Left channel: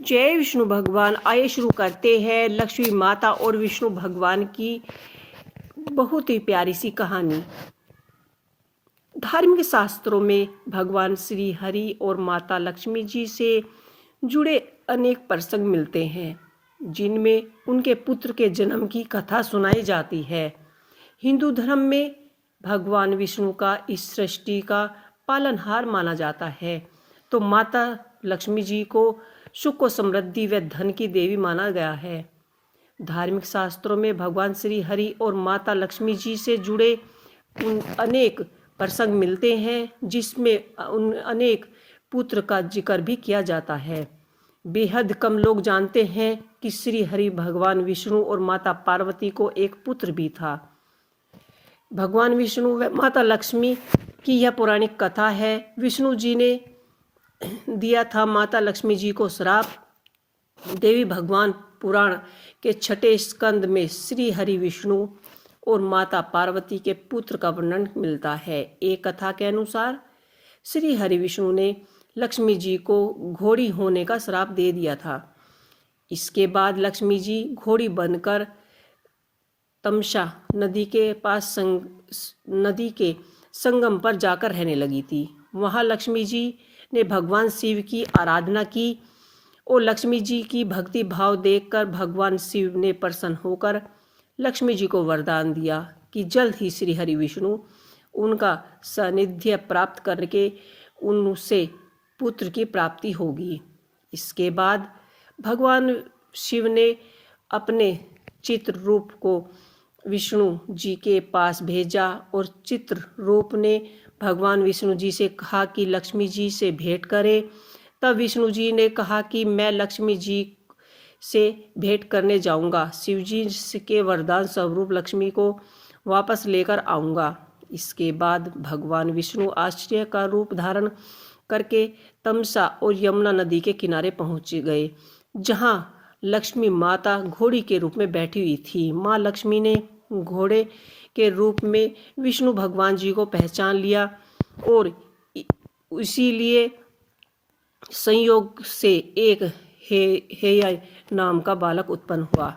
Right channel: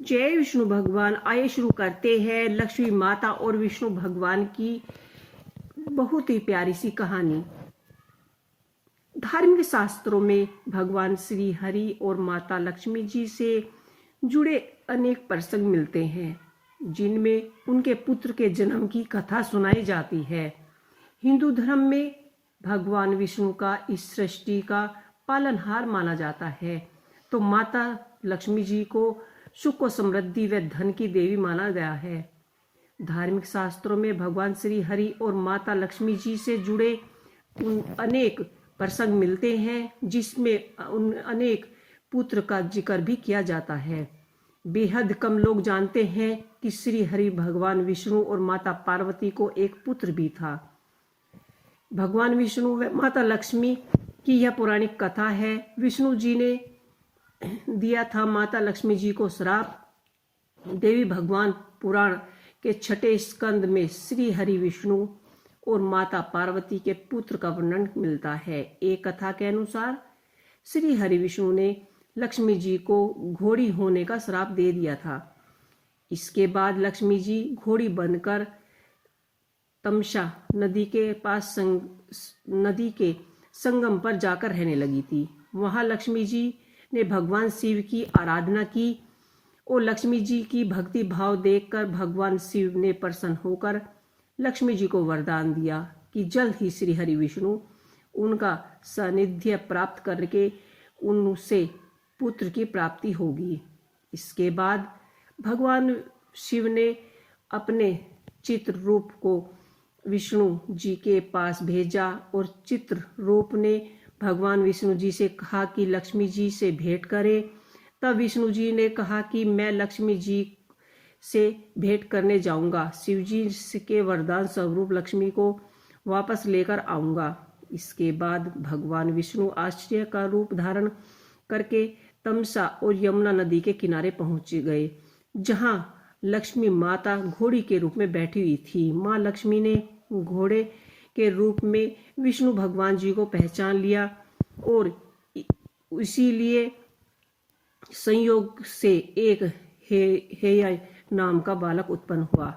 जय विष्णु भगवान। आइए शुरू करते हैं लक्ष्मी माता और विष्णु भगवान की बहुत ही प्यारी सी कहानी। धार्मिक शास्त्रों में भगवान श्री हरि और माता लक्ष्मी जी से जुड़े अनेक प्रसंग मिलते हैं, जिनमें उनके पुत्र के जन्म की कथा सुनाई जाती है। हिंदू धर्म में भगवान विष्णु का इस सृष्टि का पालनहार माना जाता है, तो माता लक्ष्मी जी को सुख और समृद्धि व धन की देवी माना गया है। धार्मिक शास्त्रों में भगवान श्री हरि और माता लक्ष्मी जी से जुड़े अनेक प्रसंग मिलते हैं, जिसमें उन अनेक पुत्र का जिक्र भी किया जाता है। बेहद कम लोग जानते हैं कि श्री हरि भगवान विष्णु और माता पार्वती को एक पुत्र भी था। भगवान विष्णु व माता लक्ष्मी की यह पौराणिक कथा है। विष्णु जी ने दिया था माता लक्ष्मी जी को श्राप। देवी भगवान पुराण के 6 स्कंद में श्री हरि विष्णु और माता पार्वती के पुत्र का वर्णन मिलता है। एक कथा के अनुसार श्री हरि विष्णु ने लक्ष्मी जी को घोड़ी होने का श्राप दे दिया था। इसके बाद लक्ष्मी जी घोड़ी बनकर तमसा नदी के पास नदी के संगम पर जाकर रहने लगी थी। वहां लक्ष्मी जी ने भगवान शिव की आराधना की और लक्ष्मी जी की भक्ति भाव देखकर भगवान शिव ने प्रसन्न होकर लक्ष्मी जी को वरदान दिया कि जल्द ही श्री हरि विष्णु उनका सानिध्य प्राप्त करके उनसे पुत्र की प्राप्ति होगी। इसके बाद भगवान शिव ने अपने चित्र रूप को विष्णु जी के पास भेजा और चित्र रूप ने भगवान विष्णु जी से कहा कि लक्ष्मी जी से भेंट करें। तब विष्णु जी ने कहा कि मैं लक्ष्मी जी से भेंट करने जाऊंगा। शिव जी के वरदान स्वरूप लक्ष्मी को वापस लेकर आऊंगा। इसके बाद भगवान विष्णु आश्चर्य का रूप धारण करके तमसा और यमुना नदी के किनारे पहुंच गए, जहां लक्ष्मी माता घोड़ी के रूप में बैठी हुई थी। माँ लक्ष्मी ने घोड़े के रूप में विष्णु भगवान जी को पहचान लिया और इसीलिए संयोग से एक हेया नाम का बालक उत्पन्न हुआ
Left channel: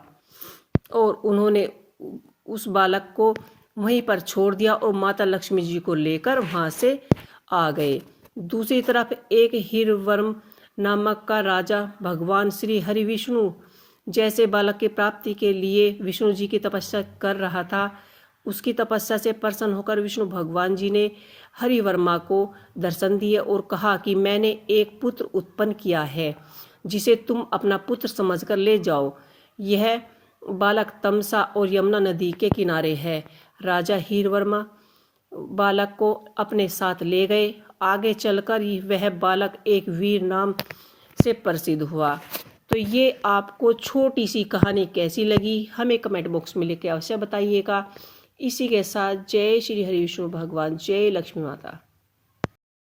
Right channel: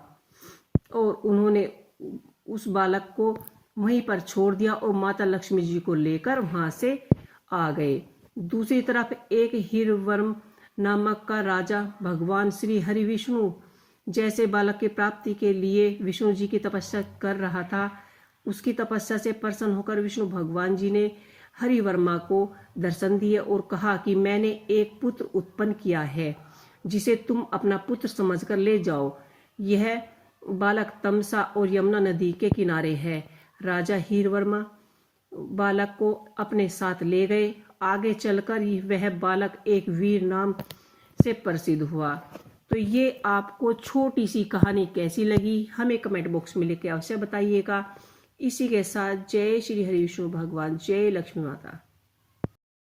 और उन्होंने उस बालक को वहीं पर छोड़ दिया और माता लक्ष्मी जी को लेकर वहां से आ गए। दूसरी तरफ एक हीरवर्म नामक का राजा भगवान श्री हरि विष्णु जैसे बालक की प्राप्ति के लिए विष्णु जी की तपस्या कर रहा था। उसकी तपस्या से प्रसन्न होकर विष्णु भगवान जी ने हरिवर्मा को दर्शन दिए और कहा कि मैंने एक पुत्र उत्पन्न किया है, जिसे तुम अपना पुत्र समझकर ले जाओ। यह बालक तमसा और यमुना नदी के किनारे है। राजा हीरवर्मा बालक को अपने साथ ले गए। आगे चलकर वह बालक एक वीर नाम से प्रसिद्ध हुआ। तो ये आपको छोटी सी कहानी कैसी लगी, हमें कमेंट बॉक्स में लिख के अवश्य बताइएगा। इसी के साथ जय श्री हरि विष्णु भगवान, जय लक्ष्मी माता।